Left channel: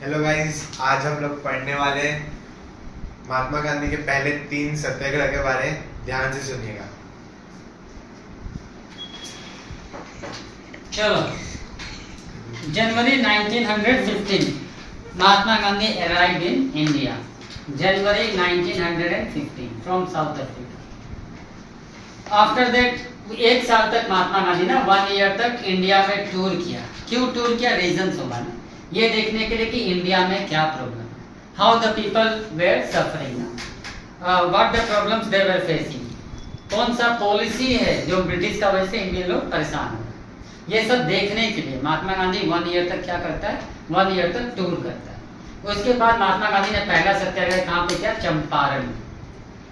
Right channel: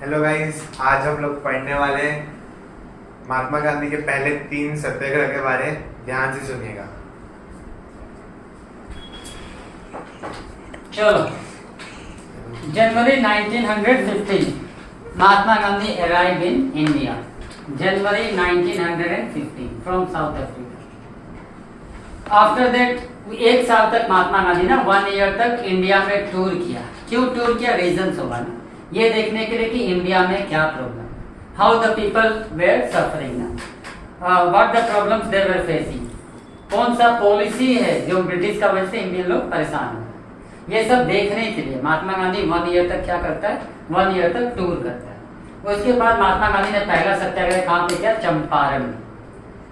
Hello guys, आज हम लोग पढ़ने वाले हैं महात्मा गांधी के पहले 3 सत्याग्रह के बारे में। ध्यान से सुनिएगा। चलो, जनवरी 1915 Mahatma Gandhi arrived in India. January 1915 from South Africa. After that, 1 साल तक महात्मा गांधी ना 1 ईयर तक इंडिया में टूर किया। क्यों टूर किया? रीजन होगा ना, ये देखने के लिए कि इंडिया में क्या problem, how the people were suffering, what the problems they were facing, कौन सा पॉलिसी है जो ब्रिटिश का वजह से इंडियन लोग परेशान हो रहे, ये सब देखने के लिए महात्मा गांधी 1 ईयर तक क्या करता है, 1 ईयर तक टूर करता है। उसके बाद महात्मा गांधी ने पहला सत्याग्रह कहाँ पे किया? चंपारण में,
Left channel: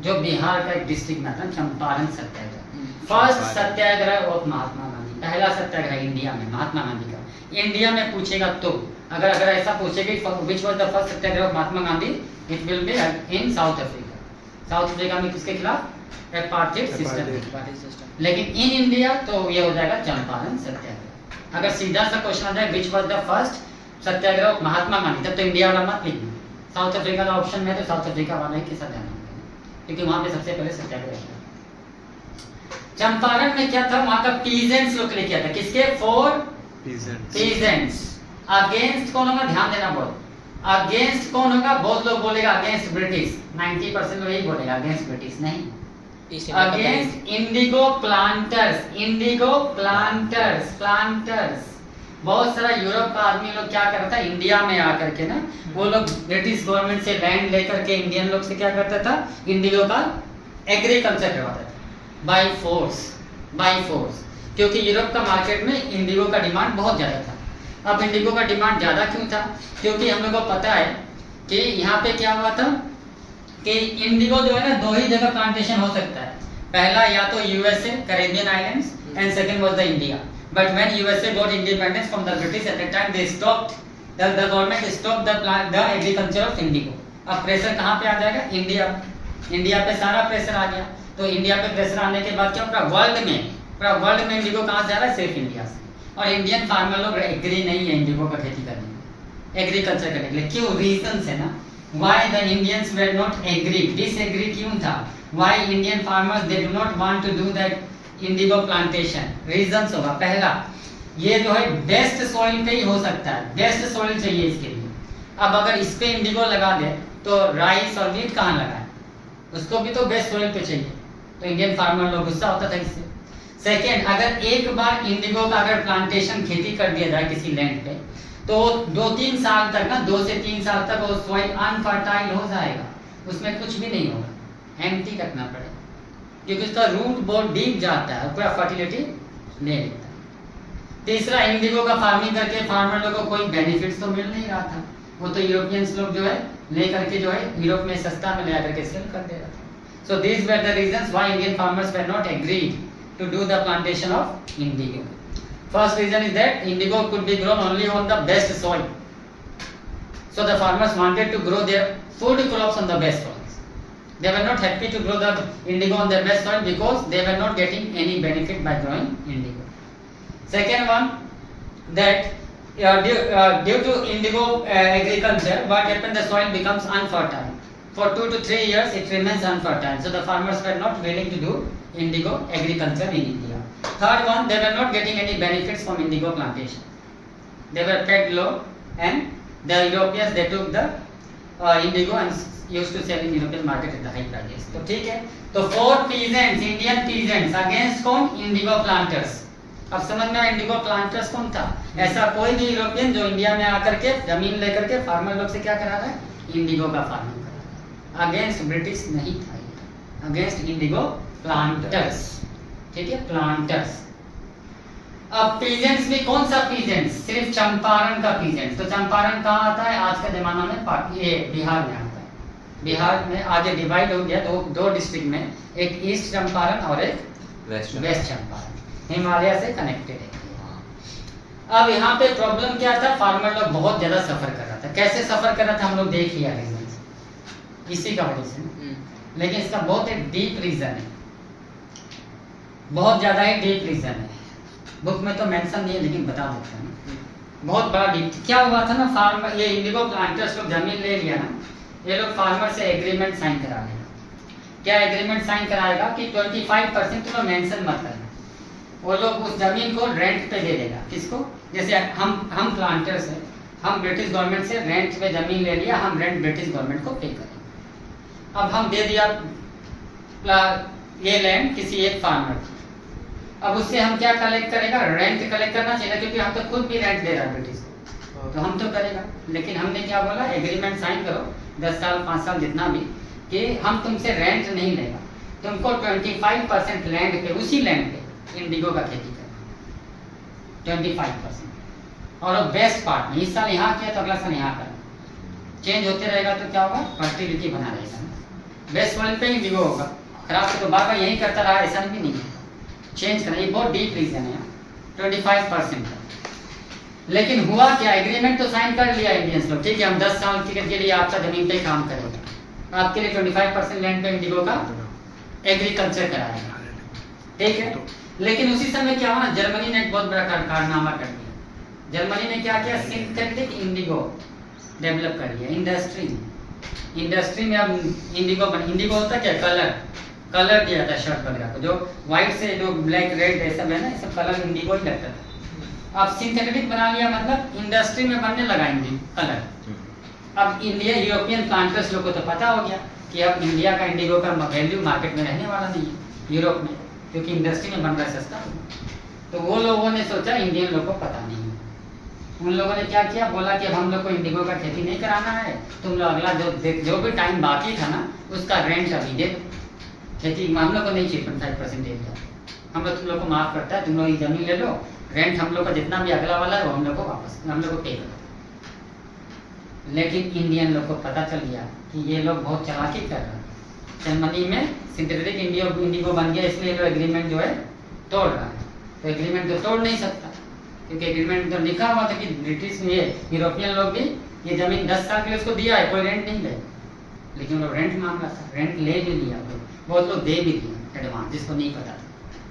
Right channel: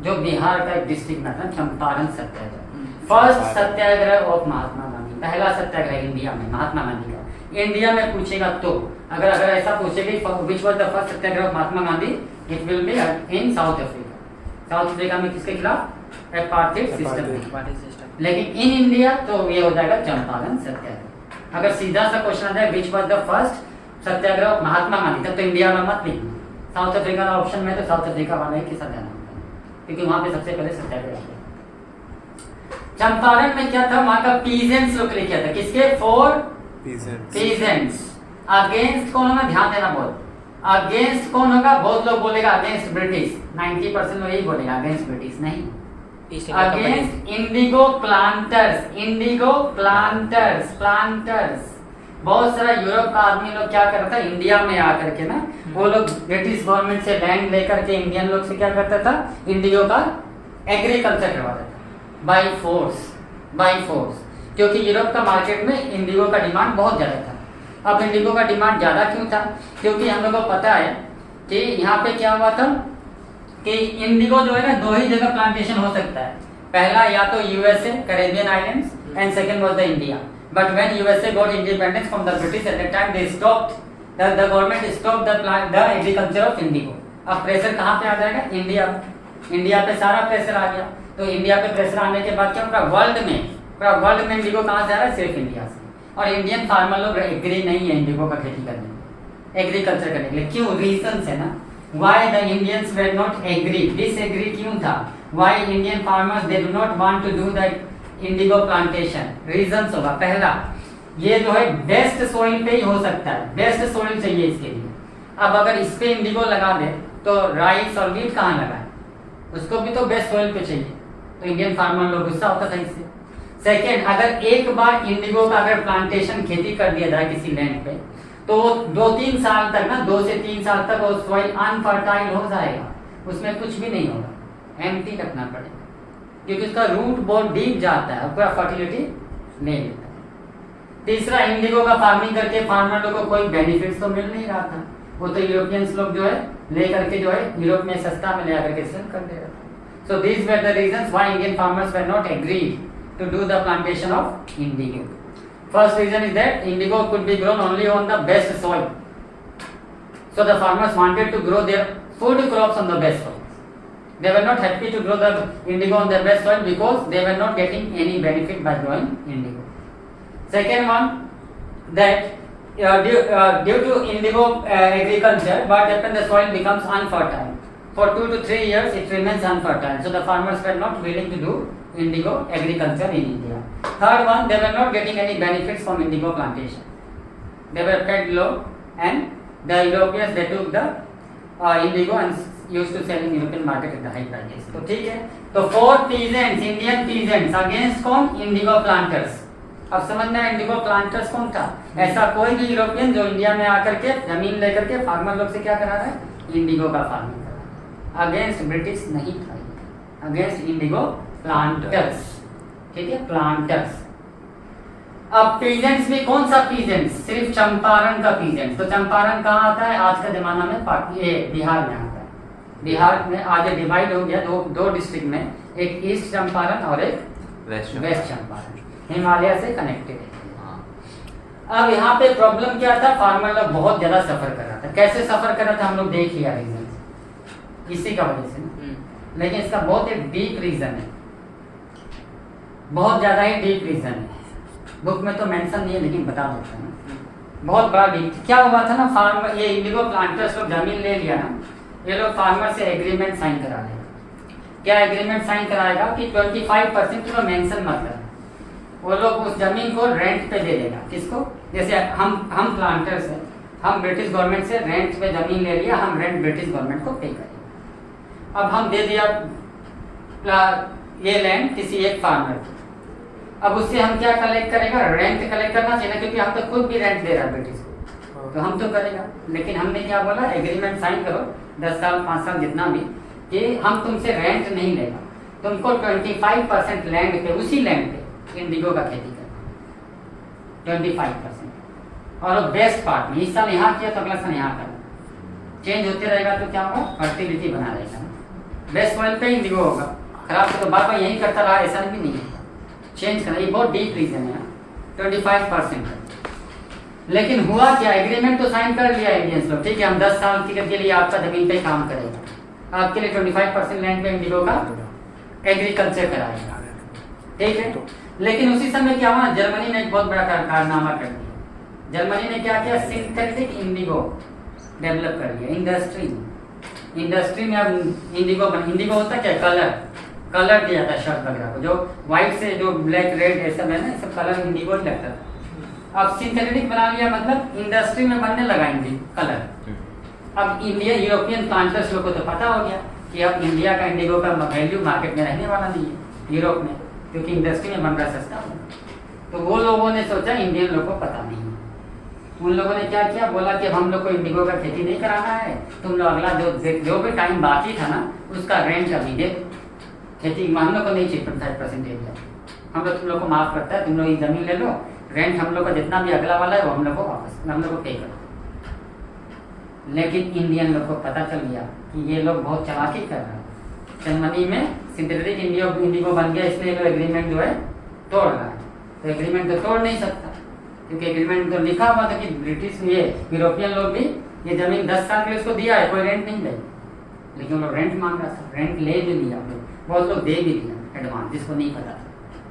जो बिहार का एक डिस्ट्रिक्ट में था, चंपारण सत्याग्रह। फर्स्ट सत्याग्रह ऑफ महात्मा गांधी, पहला सत्याग्रह इंडिया में महात्मा गांधी का। इंडिया में पूछेगा तो अगर ऐसा पूछेगा which was the first satyagraha of Mahatma Gandhi, it will be in south Africa. South Africa में किसके खिलाफ? Apartheid system. लेकिन इन इंडिया तो ये हो जाएगा चंपारण सत्याग्रह। अगर सीधा सा क्वेश्चन आ जाए which was the first satyagraha of Mahatma Gandhi, तब तो इंडिया वाला मत लिखिए, साउथ अफ्रीका का ऑप्शन में तो साउथ अफ्रीका वाला ही के साथ जाना होता है, क्योंकि वहां पे सबसे पहले सत्याग्रह है। चंपारण में क्या था? वहां का पीजेंट्स लोग ने किया था। किसके? For peasants. अगेंस्ट कौन होगा? ध्यान देना बहुत। अगेंस्ट कौन होगा? बहुत लोग बोलेगा अगेंस्ट ब्रिटिश, 90% लोग यही बोलेगा अगेंस्ट ब्रिटिश नहीं, against Indigo planters. Indigo planters, planters बहुत सारा यूरोप का आदमी लोग क्या करता है, इंडिया में आकर के ना वो लोग ब्रिटिश गवर्नमेंट से लैंड लेकर के इंडियन लोग से क्या करता था, इंडिगो का एग्रीकल्चर करवाता था बाय फोर्स, क्योंकि यूरोप का मार्केट में इंडिगो का डिमांड बहुत ज़्यादा था। अब इंडिगो का डिमांड ज़्यादा क्यों था? क्योंकि हम लोग को पता है कि यहाँ पे क्या हुआ था कि इंडिगो जो है ना 2 ही जगह प्लांटेशन हो सकता है। पहला या तो USA, Caribbean islands, and second was the India. But when USA got independence from the British at the time, they stopped the government stopped the agriculture of Indigo. अब प्रेशर कहाँ पे आ जाएगा? इंडिया पे सारा प्रेशर आ गया। तो India पे pressure आने के बाद क्या पूरा वर्ल्ड में इंडिगो कहाँ से आ रहा है? सिर्फ इंडिया से। और इंडियन फार्मर लोग एग्री नहीं है इंडिगो का खेती करने में, एग्रीकल्चर करने के लिए। क्यों? रीजन है ना, why the Indians were not agree, disagree क्यों था? Why Indian farmers they do not want to do that indigo plantation? Reasons होगा। पहला, ये जो है बेस्ट सॉइल पे ही हो सकता है, बेस्ट सॉइल चाहिए इसके लिए। अब अगर इस पे इंडिगो लगा दे तो राइस और वीट कहाँ लगाए? उसको भी तो बेस्ट सॉइल पे चाहिए, तो इंडियन फार्मर लोग गुस्सा होता था इससे। सेकेंड, अगर एक बार इंडिगो का अगर प्लांटेशन खेती कर दिया जाए किसी लैंड पे, तो 2-3 साल तक ना, 2 से 3 साल तक वो सॉइल अनफर्टाइल हो जाएगा, उसमें कुछ भी नहीं होगा, एम्प्टी रखना पड़ेगा, क्योंकि उसका रूट बहुत डीप जाता है और पूरा फर्टिलिटी ले लेता है। तीसरा, इंडिगो का फार्मिंग करके फार्मर लोगों को कोई बेनिफिट्स तो मिल नहीं रहा था, वो तो यूरोपियंस लोग जो है लेकर के जो है यूरोप में सस्ता में ले आकर के सेल कर दे रहा था। So these were the reasons why Indian farmers were not agreed to do the plantation of indigo. First reason is that indigo could be grown only on the best soil. So the farmers wanted to grow their food crops on the best soils. They were not happy to grow the indigo on their best soil because they were not getting any benefit by growing indigo. Second one, that due to indigo agriculture, what happened? The soil becomes unfertile. For 2 to 3 years it remains unfertile, so the farmers were not willing to do indigo agriculture in India. Third one, they were not getting any benefits from indigo plantation. They were paid low, and the Europeans they took the indigo and used to sell in European market at the high prices. तो ठीक है, तो 4 peasants, Indian peasants against कौन? indigo planters. अब समझ में Indigo planters कौन था? ऐसा कोई भी यूरोपियन जो इंडिया में आकर के जमीन लेकर के फार्मर लोग से क्या करा रहा है? इंडिगो का फार्मिंग। अगेंस्ट ब्रिटिश नहीं था, अगेंस्ट इंडिगो प्लांटर्स। ठीक है, प्लांटर्स। अब पीजेंट्स में कौन सा पीजेंट्स? सिर्फ चंपारण का पीजेंट्स। तो चंपारण कहाँ आता है? आज के जमाना में ये बिहार में आता है। बिहार में आगे डिवाइड हो गया दो डिस्ट्रिक्ट में, एक ईस्ट चंपारण और एक वेस्ट चंपारण, हिमालय से कनेक्टेड है। अब यहाँ पे प्रॉब्लम क्या था? फार्मर लोग बहुत ज्यादा सफर कर रहा था। कैसे सफर कर रहा था हम लोग देख लिया, रीजन इसी का वजह से। लेकिन इसका बहुत एक डीप रीजन है, बहुत ज्यादा ही डीप रीजन है। बुक में तो मेंशन नहीं है लेकिन बता देते हैं। बहुत बड़ा डीप क्या हुआ था ना, फार्मर ये इंडिगो प्लांटर्स लोग जमीन ले लिया ना, ये लोग फार्मर से एग्रीमेंट साइन करा लेगा। क्या एग्रीमेंट साइन कराएगा कि 25% तो मेंशन मत करना, वो लोग उस जमीन को रेंट पे दे देगा। किसको? जैसे हम प्लांटर्स हैं, हम ब्रिटिश गवर्नमेंट से रेंट पे जमीन ले लिया, हम रेंट ब्रिटिश गवर्नमेंट को पे करेंगे। अब हम दे दिया ये लैंड किसी एक फार्मर को, अब उससे हम क्या कलेक्ट करेगा? रेंट कलेक्ट करना चाहिए, क्योंकि हम तो खुद भी रेंट दे रहा है ब्रिटिश को, तो हम तो करेगा। लेकिन हमने क्या बोला? एग्रीमेंट साइन करो 10 साल 5 साल जितना भी, कि हम तुमसे रेंट नहीं लेगा, तुमको 25% लैंड पे, उसी लैंड पे इंडिगो का खेती करना 25%। और बेस्ट पार्ट में इस साल यहाँ किया तो अगला साल यहाँ करना, चेंज होते रहेगा तो क्या होगा? फर्टिलिटी बना रहेगा ना। बेस्ट पॉइंट पे इंडिगो होगा, खराब तो बार बार यही करता रहा, ऐसा भी नहीं है। चेंज करना, ये बहुत डीप रीजन है। 25% है, लेकिन हुआ क्या? एग्रीमेंट तो साइन कर लिया इंडियंस लोग, ठीक है, हम 10 साल के लिए आपका जमीन पे काम करेगा, आपके लिए 25% लैंड पे इंडिगो का एग्रीकल्चर कराएगा, ठीक है। लेकिन उसी समय क्या हुआ? जर्मनी ने एक बहुत बड़ा कारनामा कर दिया। जर्मनी ने क्या किया? सिंथेटिक इंडिगो डेवलप कर लिया। इंडस्ट्री में अब इंडिगो होता क्या? कलर दिया था शर्ट वगैरह को, जो व्हाइट से जो ब्लैक रेड ऐसा है ना, सब कलर इंडिगो ही लगता था। अब सिंथेटिक बना लिया, मतलब इंडस्ट्री में बनने लगा कलर। अब इंडिया यूरोपियन प्लांटर्स लोग को तो पता हो गया कि अब इंडिया का इंडिगो का वैल्यू मार्केट में रहने वाला नहीं है यूरोप में, क्योंकि इंडस्ट्री में बन रहा सस्ता। तो वो लोगों ने सोचा इंडियन लोग को पता नहीं है, उन लोगों ने क्या किया? बोला कि हम लोग को इंडिगो का खेती नहीं कराना है, तुम लोग अगला जो भी टाइम बाकी था ना उसका रेंट अभी दे दो, खेती हम लोग को नहीं चाहिए 25% एरिया, हम लोग तुम लोग को माफ करता है, तुम लोग ये जमीन ले लो, रेंट हम लोग का जितना भी अगला वाला है वो हम लोग को वापस, हम लोग को पे करो। लेकिन इंडियन लोग को पता चल गया कि ये लोग बहुत चालाकी कर रहे हैं, जर्मनी में सिंथेटिक इंडिगो बन गया, इसलिए वो एग्रीमेंट जो है तोड़ रहा है। तो एग्रीमेंट तो तोड़ नहीं सकता, क्योंकि एग्रीमेंट तो लिखा हुआ था कि ब्रिटिश ये यूरोपियन लोग भी ये जमीन 10 साल के लिए उसको दिया है, कोई रेंट नहीं दे, लेकिन वो रेंट मांग रहा था, रेंट ले भी लिया, बहुत लोग दे भी दिया एडवांस, जिसको नहीं पता था,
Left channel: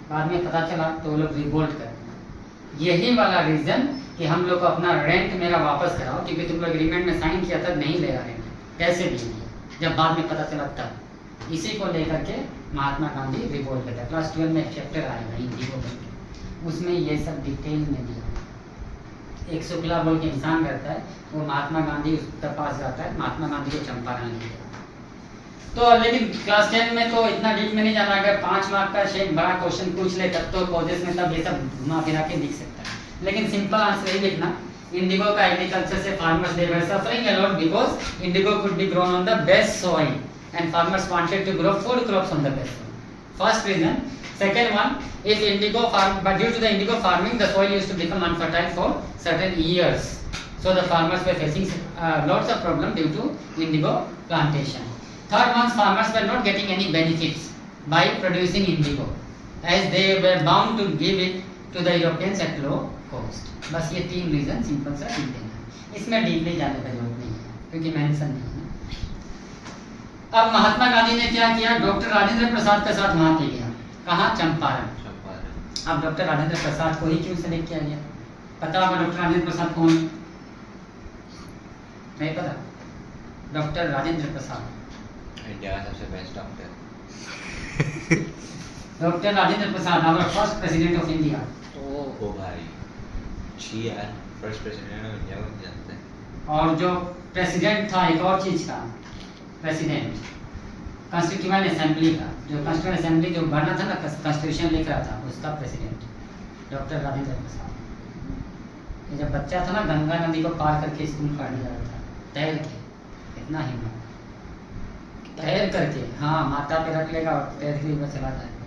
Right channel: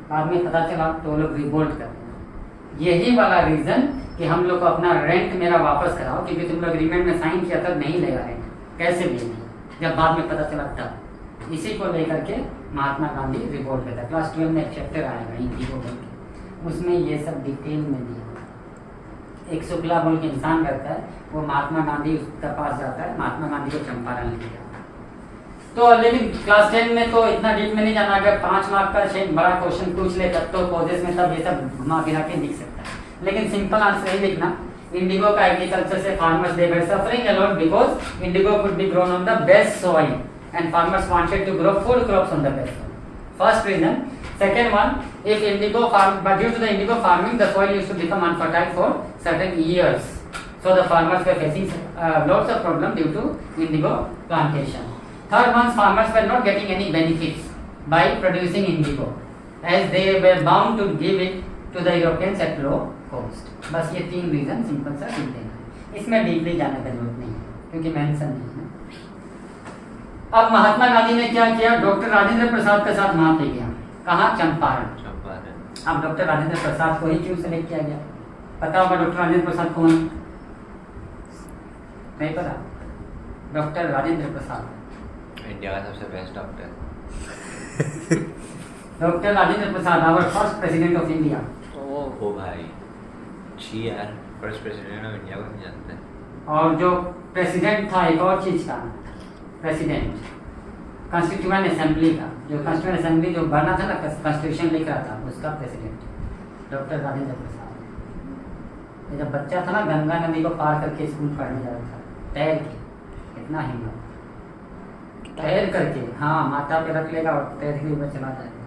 बाद में पता चला तो वो लोग रिवोल्ट कर दिए। यही वाला रीजन कि हम लोग को अपना रेंट मेरा वापस कराओ, क्योंकि तुम लोग एग्रीमेंट में साइन किया था नहीं लेगा रेंट, कैसे देंगे जब बाद में पता चला तब। इसी को लेकर के महात्मा गांधी रिवोल्ट करता है। क्लास 12 में एक चैप्टर आएगा इंडिगो बोल के, उसमें ये सब डिटेल में दिया। एक शुक्ला बोल के इंसान रहता है, वो महात्मा गांधी उसके पास जाता है, महात्मा गांधी को चंपारण लिखा। तो लेकिन क्लास 10 में तो इतना डीप में नहीं जाना, अगर 5 मार्क का शायद बड़ा क्वेश्चन पूछ ले तब तो पौधे में तब ये सब घुमा फिरा के लिख सकता है, लेकिन सिंपल आंसर ही लिखना, इंडिगो का एग्रीकल्चर से farmers they were suffering a lot because Indigo could be grown on the best soil and farmers wanted to grow 4 crops on the best soil. First reason. Second one, if indigo farm, but due to the indigo farming, the soil used to become unfertile for certain years. So the farmers were facing lots of problem due to indigo plantation. Third one, farmers were not getting any benefits by producing indigo, as they were bound to give it to the Europeans at low cost. बस ये 3 reason simple सा लिख देना है, इसमें deeply जाने का जरूरत नहीं है क्योंकि मेंशन नहीं है। अब महात्मा गांधी ने क्या किया? डॉक्टर राजेंद्र प्रसाद के साथ वहां पे गया, कहाँ? चंपारण। अब डॉक्टर राजेंद्र प्रसाद को ही क्यों सेलेक्ट किया गया? पता होगा डॉक्टर राजेंद्र प्रसाद कौन है? नहीं पता? डॉक्टर राजेंद्र प्रसाद इंडिया का सबसे best doctor. Doctor Rajendra Prasad, our first president of India. ओ भाई, छी यार, फर्स्ट प्रेसिडेंट ऑफ इंडिया को नहीं जानते। और जो प्रेसिडेंट था एक और चीज का, प्रेसिडेंट कॉन्स्टिट्यूएंट असेंबली का, जो कॉन्स्टिट्यूएंट असेंबली जो बनना था ना, कॉन्स्टिट्यूशन लिख रहा था, उसका प्रेसिडेंट डॉक्टर राजेंद्र प्रसाद। ये जब बच्चा था ना, गंगा नदी को पार करके स्कूल पढ़ने जा रहा था, तैर के, इतना हिम्मत, तैर करके, हाँ, माथा पे रख लेगा और तैर के ऊपर चला जाएगा।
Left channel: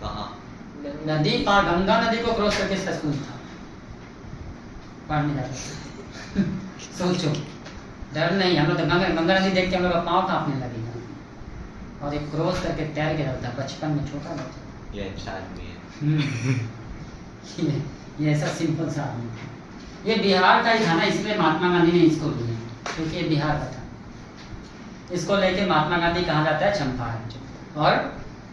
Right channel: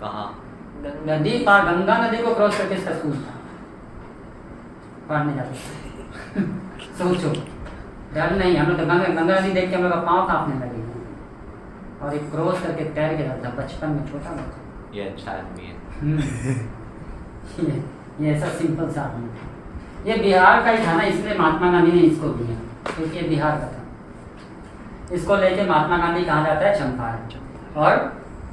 कहाँ? नदी पार, गंगा नदी को क्रॉस करके इसका स्कूल था, पढ़ने जाता था। सोचो, डर नहीं, हम लोग तो गंगा नदी देख के हम लोग का पाँव कांपने लगे, और एक क्रॉस करके तैर के जाता बचपन में, छोटा बच्चा। ये अच्छा आदमी है। ये ऐसा सिंपल सा आदमी था। ये बिहार का ही था ना, इसलिए महात्मा गांधी ने इसको दिया, क्योंकि ये बिहार का था। इसको लेके महात्मा गांधी कहाँ जाता है? चंपारण। और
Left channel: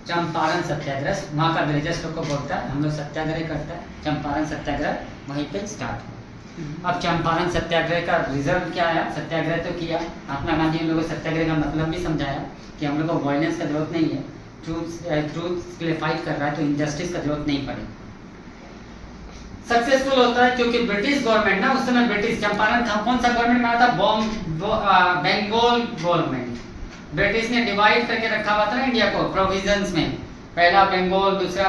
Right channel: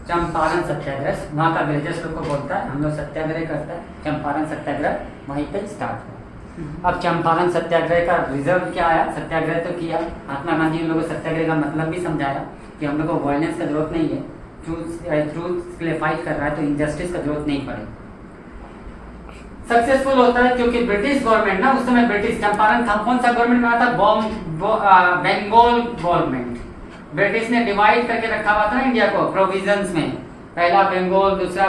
चंपारण सत्याग्रह, वहाँ का अंग्रेजों लोग को बोलता है हम लोग सत्याग्रह करते हैं, चंपारण सत्याग्रह वहीं पे स्टार्ट हुआ। अब चंपारण सत्याग्रह का रिजल्ट क्या आया? सत्याग्रह तो किया, महात्मा गांधी ने लोगों को सत्याग्रह का मतलब भी समझाया कि हम लोग को वायलेंस का जरूरत नहीं है, ट्रूथ के लिए फाइट कर रहा है तो इनजस्टिस का जरूरत नहीं पड़े। सक्सेसफुल होता है क्योंकि ब्रिटिश गवर्नमेंट ना, उस समय ब्रिटिश चंपारण था, कौन सा गवर्नमेंट में आता? बंगाल गवर्नमेंट। ब्रिटिश ने डिवाइड करके रखा हुआ था ना इंडिया को प्रोविजंस में, पहला बंगाल, दूसरा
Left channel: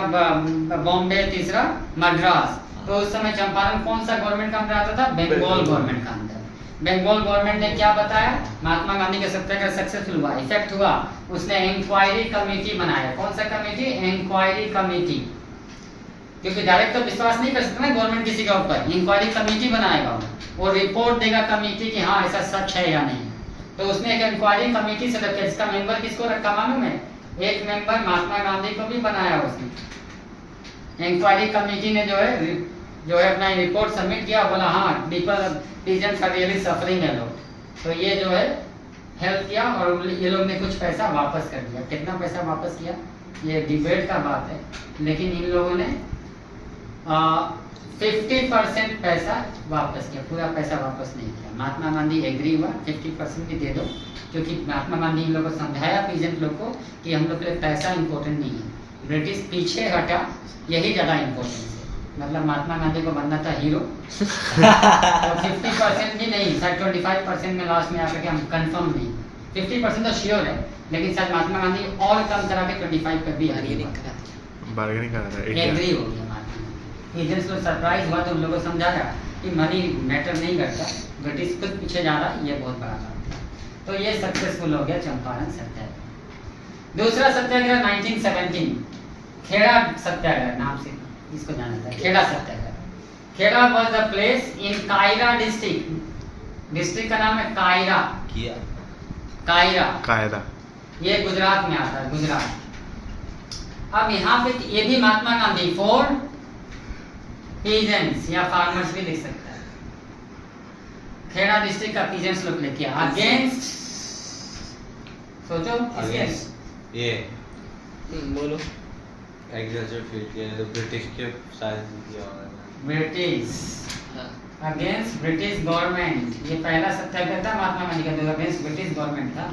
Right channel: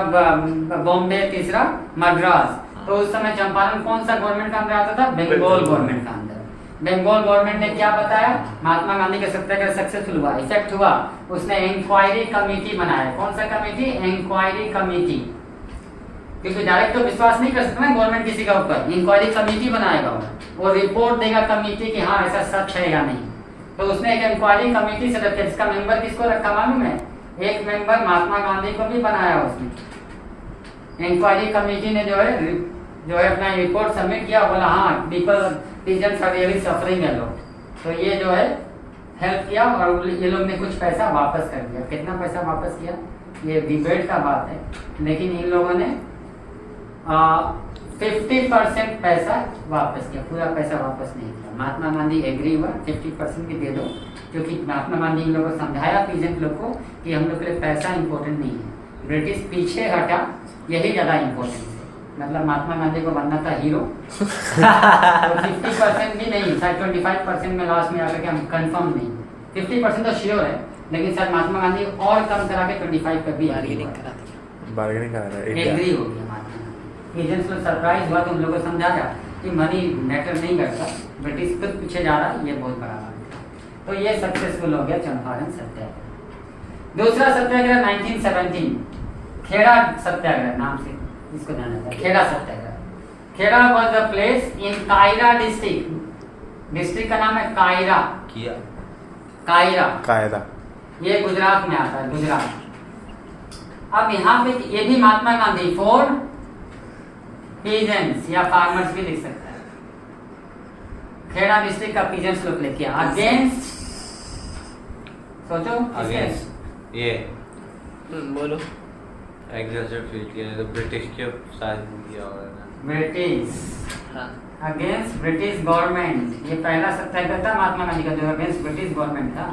बॉम्बे, तीसरा मद्रास। तो उस समय चंपारण कौन सा गवर्नमेंट का अंदर आता था? बंगाल गवर्नमेंट का अंदर। बंगाल गवर्नमेंट ने क्या बताया? महात्मा गांधी का सत्याग्रह सक्सेसफुल हुआ, इफेक्ट हुआ, उसने इंक्वायरी कमेटी बनाया। कौन सा कमेटी? Inquiry committee. क्योंकि डायरेक्ट तो विश्वास नहीं कर सकता ना गवर्नमेंट किसी के ऊपर, इंक्वायरी कमेटी बनाएगा वो रिपोर्ट देगा कमेटी कि हाँ ऐसा सच है या नहीं। तो उसने एक इंक्वायरी कमेटी सेटअप किया, जिसका मेंबर किसको रखा मालूम है? एक मेंबर महात्मा गांधी को भी बनाया उसने। इंक्वायरी कमेटी ने जो है अपना रिपोर्ट सबमिट किया, बोला हाँ पीजेंट्स आर रियली सफरिंग है लोग, तो ये जो है हेल्प किया और ये लोग ने कुछ पैसा वापस कर दिया। कितना पैसा वापस किया ये डिबेट का बात है, लेकिन इन लोगों ने 50% पैसा वापस किया, पूरा पैसा वापस नहीं किया। महात्मा गांधी एग्री हुआ 50% भी दे दो, क्योंकि महात्मा गांधी इन लोगों को समझाया पीजेंट लोग को कि हम लोग के लिए पैसा इंपॉर्टेंट नहीं है, ब्रिटिश पीछे हटा, यही ज़्यादा इंपॉर्टेंट है। मतलब महात्मा गांधी को बनना था हीरो तो 50% भी नहीं, शायद 25% में लास्ट में आकर के हम कंफर्म नहीं, 50% तो श्योर है, लेकिन शायद महात्मा गांधी और कम करा के 25 कर भी बार्गेनिंग करा था, एग्री हो गया। एजेंट्स लोग सरप्राइज हुआ तो उन लोगों को समझाया कि मनी मैटर नहीं करता, ब्रिटिश खुद पीछे जा रहा है, ये बहुत बड़ा बात है। तो ये सक्सेसफुल हो गया चंपारण सत्याग्रह। दूसरा सत्याग्रह 1917 खेड़ा सत्याग्रह नाम से इसको जाना जाता है, Kheda satyagraha. Kheda was the place in Kaira district का नाम है कायरा। कायरा ये गुजरात में आता है, गुजरात। अब यहाँ पे ये भी महात्मा गांधी फॉर पीजेंट्स या फार्मर्स भी लिख सकता है। खेड़ा डिस्ट्रिक्ट का पीजेंट्स लोग लेके अगेंस्ट, सोचो अगेंस्ट ये बोलो एग्रीकल्चर फील्ड के लिए तो ब्रिटिश के साथ किया होगा ना, ब्रिटिश हाँ अगेंस्ट ब्रिटिश गवर्नमेंट। ये पहला सत्याग्रह था महात्मा गांधी का जो अगेंस्ट ब्रिटिश गवर्नमेंट था।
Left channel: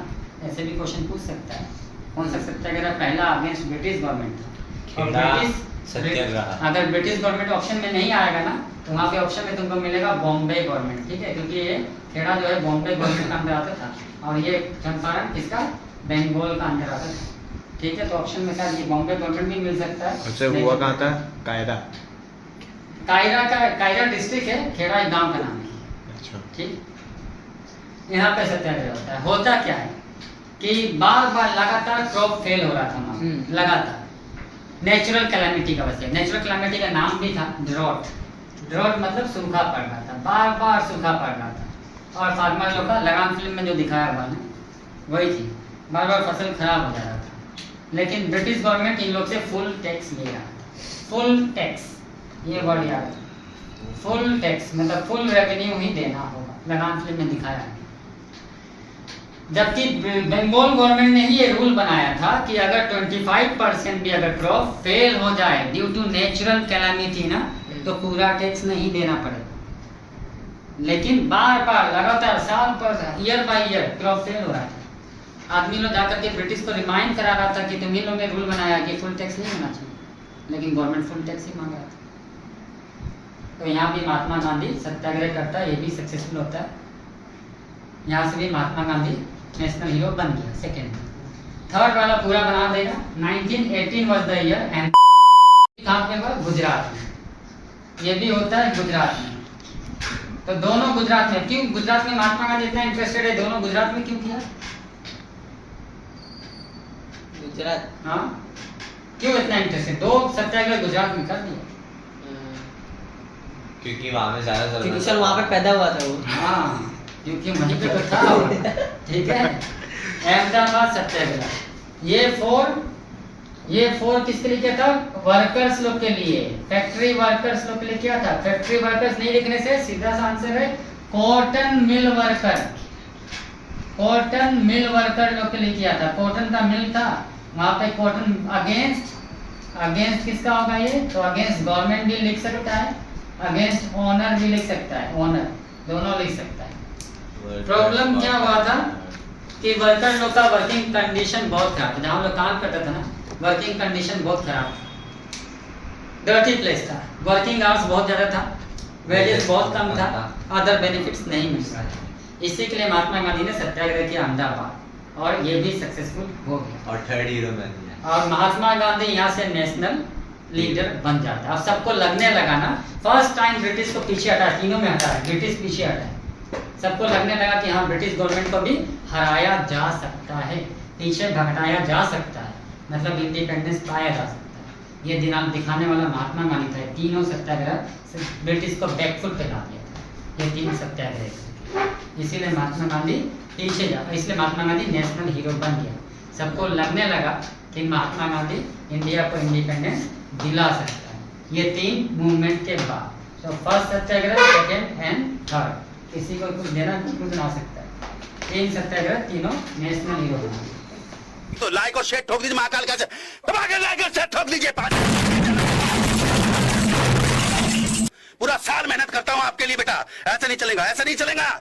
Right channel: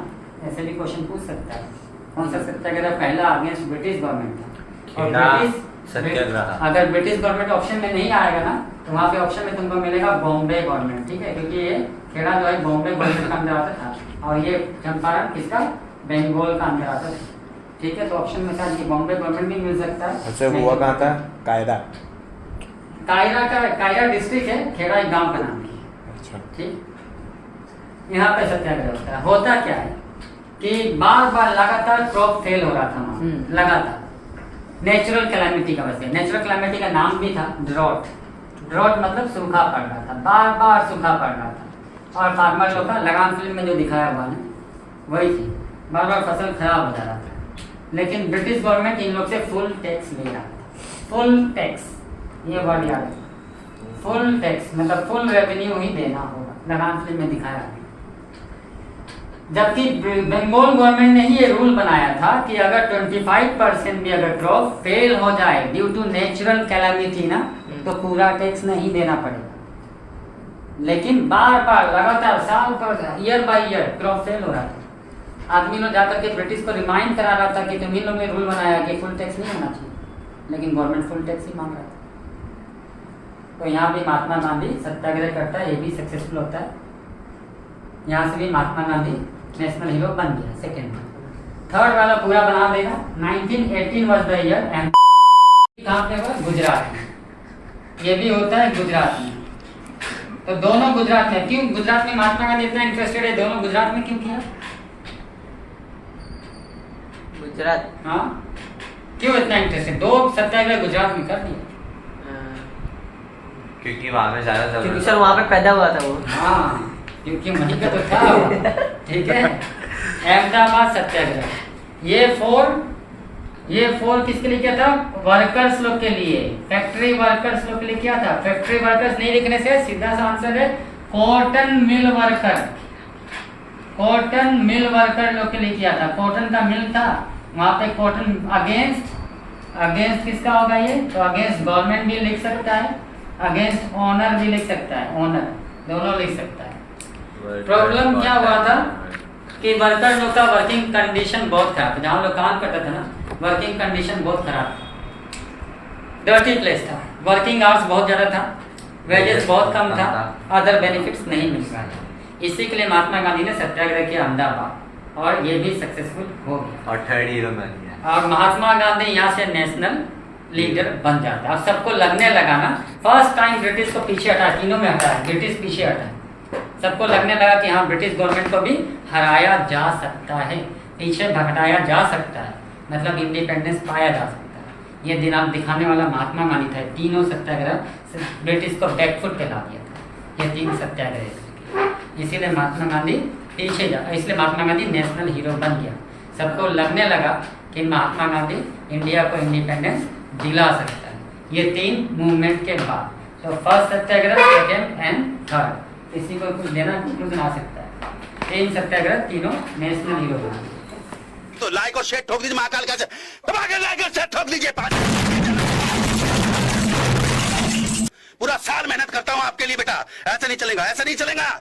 ऐसे भी क्वेश्चन पूछ सकता है कौन सा सत्याग्रह पहला अगेंस्ट ब्रिटिश गवर्नमेंट था। और ब्रिटिश सत्याग्रह अगर ब्रिटिश गवर्नमेंट ऑप्शन में नहीं आएगा ना तो वहाँ पे ऑप्शन में तुमको मिलेगा बॉम्बे गवर्नमेंट, ठीक है, क्योंकि ये खेड़ा जो है बॉम्बे गवर्नमेंट का अंदर आता था और ये चंपारण किसका? बंगाल का अंदर आता था, ठीक है। तो ऑप्शन में शायद ये बॉम्बे गवर्नमेंट भी मिल सकता है। अच्छा हुआ कहाँ था? कायरा का कायरा डिस्ट्रिक्ट है, खेड़ा एक गांव का नाम है, अच्छा ठीक। यहाँ पे सत्याग्रह होता क्या है कि बार बार लगातार क्रॉप फेल हो रहा था वहाँ, लगातार नेचुरल कैलामिटी का वजह। नेचुरल कैलामिटी का नाम भी था ड्रॉट। ड्रॉट मतलब सूखा पड़ रहा था, बार बार सूखा पड़ रहा था। और फार्मर लोग का लगान फिल्म में जो दिखाया हुआ है वही थी, बार बार फसल खराब हो जा रहा था। लेकिन ब्रिटिश गवर्नमेंट इन लोग से फुल टैक्स ले रहा था, फुल टैक्स, ये वर्ड याद है, फुल टैक्स मतलब फुल रेवेन्यू ही देना होगा, लगान फिल्म में दिखाया है। जबकि बंगाल गवर्नमेंट ने ही ये रूल बनाया था कि अगर 25% भी अगर क्रॉप फेल हो जाए ड्यू टू नेचुरल कैलामिटी ना तो पूरा टैक्स नहीं देना पड़ेगा। लेकिन बार बार लगातार साल per year by year crop fail हो रहा था। आदमी लोग जाकर के ब्रिटिश को रिमाइंड करा रहा था कि तुम ही लोग ने रूल बनाया कि फुल टैक्स नहीं होना चाहिए, लेकिन गवर्नमेंट फुल टैक्स ही मांग रहा था। तो यहाँ भी महात्मा गांधी सत्याग्रह करता है, ये भी सक्सेसफुल होता है। यहाँ से भी महात्मा गांधी नेशनल हीरो बन गया। सेकेंड थर्ड वाला पूरा बना देना। 1918 वाज द ईयर एंड कहाँ पे हुआ? गुजरात में। ये भी होता है गुजरात में। तो दोनों गुजरात में, क्यों गुजरात में महात्मा गांधी इतना इंटरेस्टेड है, दोनों गुजरात में क्यों किया? गुजरात, हाँ क्यों इतना इंटरेस्टेड? दो सत्याग्रह गुजरात में कर दिए क्योंकि वहाँ में ज़्यादा क्योंकि जरूरत सर वहाँ पे पैदा हुआ था वो। हाँ क्योंकि वहीं पे तो था वो, ठीक है। अहमदाबाद सत्याग्रह ये फोर किसके लिए किया था? वर्कर्स लोग के लिए, फैक्ट्री वर्कर्स लोग के लिए किया था। फैक्ट्री वर्कर्स नहीं लिखने से सीधा सा आंसर है cotton mill worker. Cotton mill worker लोग के लिए किया था। कॉटन का मिल था वहाँ पे। कॉटन अगेंस्ट किसका होगा ये? तो अगेंस्ट गवर्नमेंट भी लिख सकता है अगेंस्ट ऑनर भी लिख सकता है, ऑनर दोनों लिख सकता है। प्रॉब्लम क्या हुआ था कि वर्कर लोग का वर्किंग कंडीशन बहुत खराब था, जहाँ लोग काम करते थे ना वर्किंग कंडीशन बहुत खराब था, डर्टी प्लेस था, वर्किंग आवर्स बहुत ज़्यादा था, वेजेस बहुत कम था, अदर बेनिफिट्स नहीं मिल रहा है। इसी के लिए महात्मा गांधी ने सत्याग्रह किया अहमदाबाद और ये भी सक्सेसफुल हो गया और थर्ड हीरो बन गया। और महात्मा गांधी यहाँ से नेशनल लीडर बन जाता है। अब सबको लगने लगा ना, फर्स्ट टाइम ब्रिटिश को पीछे हटा, तीनों में हटा है, ब्रिटिश पीछे हटा है, सबको लगने लगा कि हाँ ब्रिटिश गवर्नमेंट को भी हराया जा सकता है, पीछे भटकाया जा सकता है, मतलब इंडिपेंडेंस पाया जा सकता है। ये दिनांक दिखाने वाला महात्मा गांधी था। तीनों सत्याग्रह ब्रिटिश को बैकफुट पे ला दिया था, ये तीन सत्याग्रह। इसीलिए महात्मा गांधी पीछे जा, इसलिए महात्मा गांधी नेशनल हीरो बन गया। सबको लगने लगा कि महात्मा गांधी इंडिया को इंडिपेंडेंस दिला सकता है, ये तीन मूवमेंट के बाद। तो first Satyagraha, second and third, किसी को कुछ देना कुछ ना सकता है। तीन सत्याग्रह, तीनों नेशनल हीरो बन गए। तो लाइक और शेयर ठोक दीजिए, महाकाल का दबा के लाइक और शेयर ठोक दीजिए। पूरा साल मेहनत करता हूँ आपके लिए बेटा, ऐसा नहीं चलेगा, ऐसा नहीं चलेगा।